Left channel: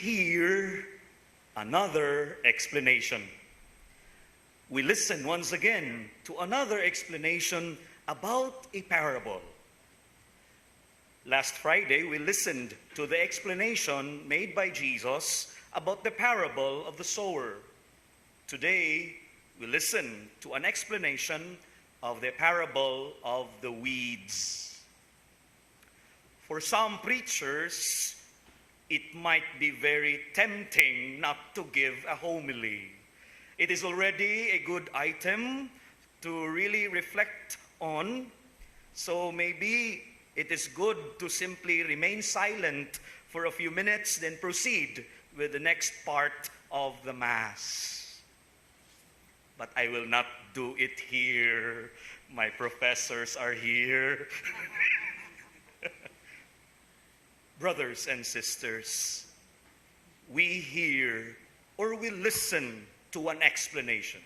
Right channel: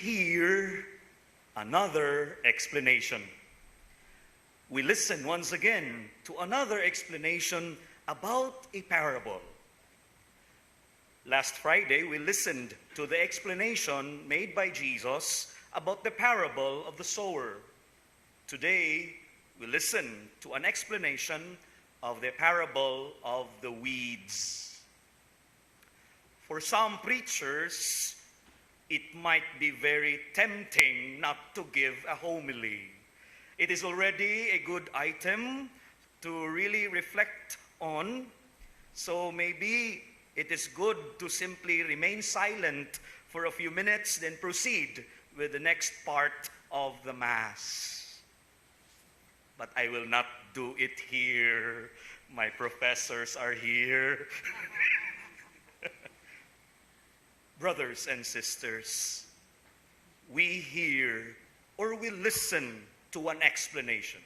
hear another explanation. We listen once again to another explanation about a parable. Last Friday, we listened to the explanation made by Jesus about the parable of the sower. Today, we listen to an explanation of the parable of the weeds. For some preachers, it might be very tempting not to give a homily. It is already a good item to really reflect on, so maybe it is good to simply remain silent for a few minutes, then proceed with the next part of the Mass. But I will not do it here. My professors are here. Brothers and sisters, we hear or we listen to an explanation.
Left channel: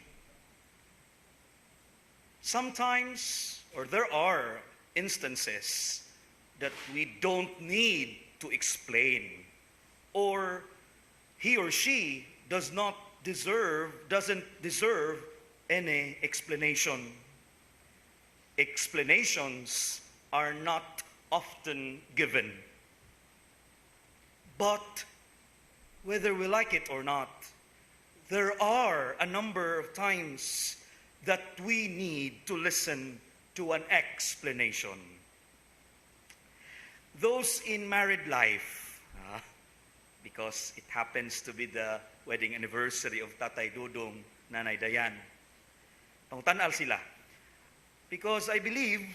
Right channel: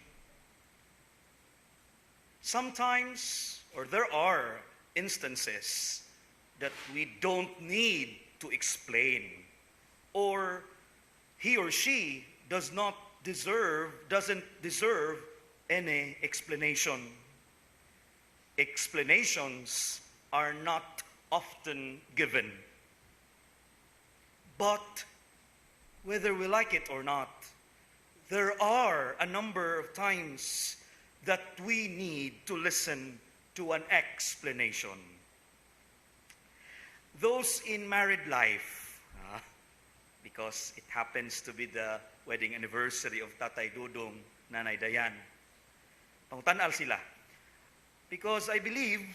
Sometimes, or there are instances that we don't need to explain, or he or she doesn't deserve any explanation. Explanations are not often given. But whether we like it or not, there are a number of times that we need to listen to an explanation. Those in married life, because it happens to be the wedding anniversary of Tatay Dudong, Nanay Dayan, pangtanal sila. Because I believe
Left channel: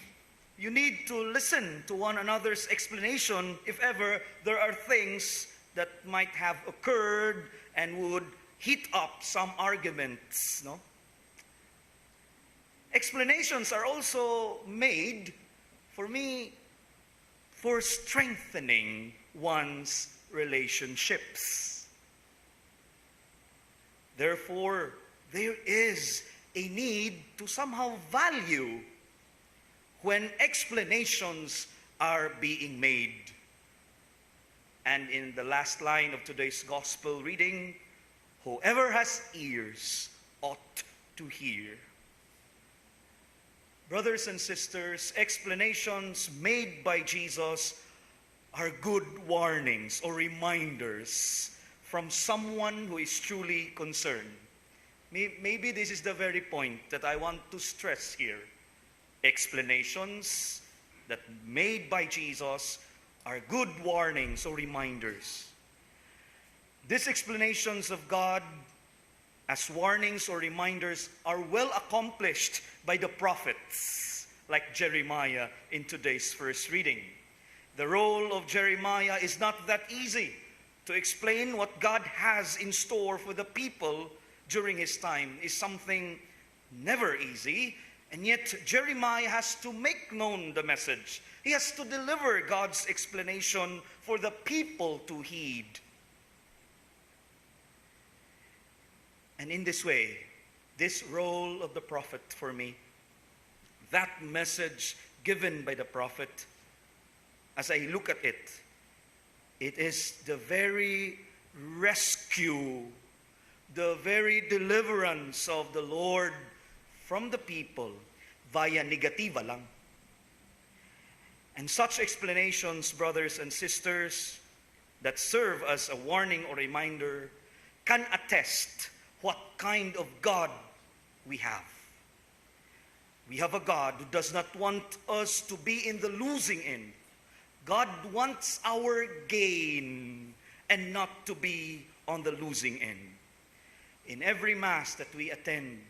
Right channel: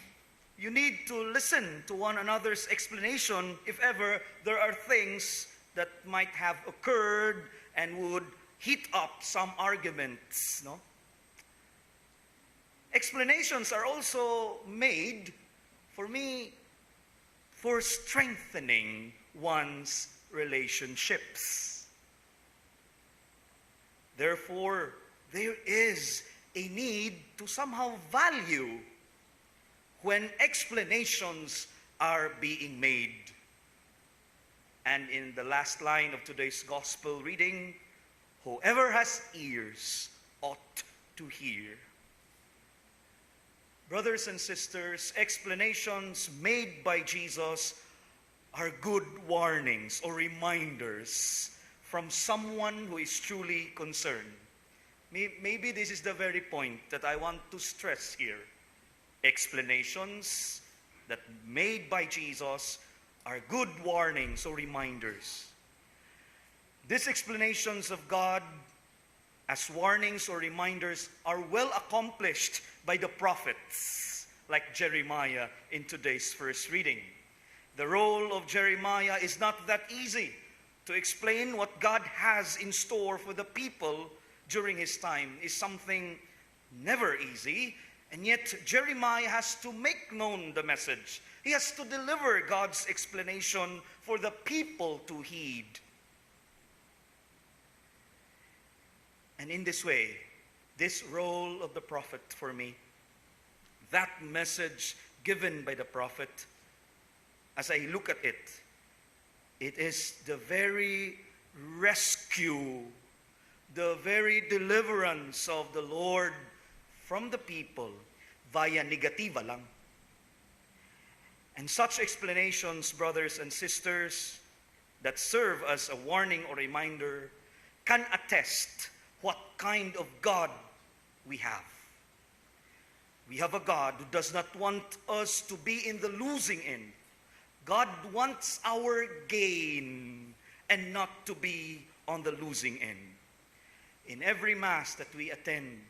you need to listen to one another's explanation if ever there are things that might have occurred and would heat up some arguments, no? Explanations are also made, for me, for strengthening one's relationships. Therefore, there is a need to somehow value when explanations are being made. And in the last line of today's gospel reading, whoever has ears ought to hear. Brothers and sisters, explanations made by Jesus are good warnings or reminders from someone who is truly concerned. Maybe this is the very point that I want to stress here. Explanations that made by Jesus are good warnings or reminders. These explanations of God as warnings or reminders are well accomplished by the prophets, like Jeremiah in today's first reading. The role of Jeremiah is not that easy to explain what God has in store for the people during his time is something never easy. And yet, Jeremiah has to make known the message. He has to deliver God's explanation for the people to heed. And in this way, this role of the prophet for me, that message given by the prophet, as I look at it, it is the very rescue, the very deliverance of the Lord from the people via negativa lang. And such explanations, brothers and sisters, that serve as a warning or reminder can attest what kind of God we have. We have a God who does not want us to be in the losing end. God wants our gain and not to be on the losing end. In every Mass that we attend,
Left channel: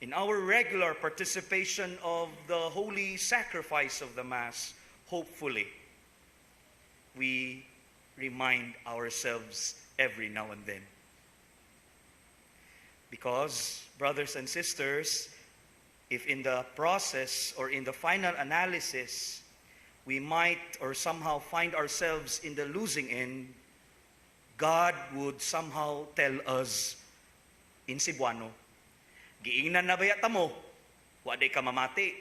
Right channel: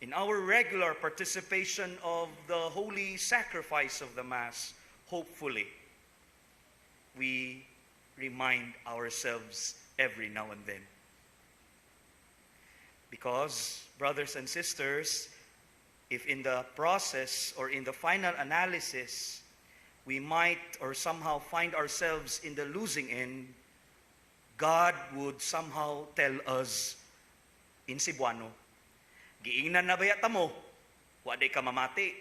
in our regular participation of the holy sacrifice of the Mass, hopefully, we remind ourselves every now and then. Because, brothers and sisters, if in the process or in the final analysis, we might or somehow find ourselves in the losing end, God would somehow tell us in Cebuano, giingnan na bayata mo, waday ka mamati.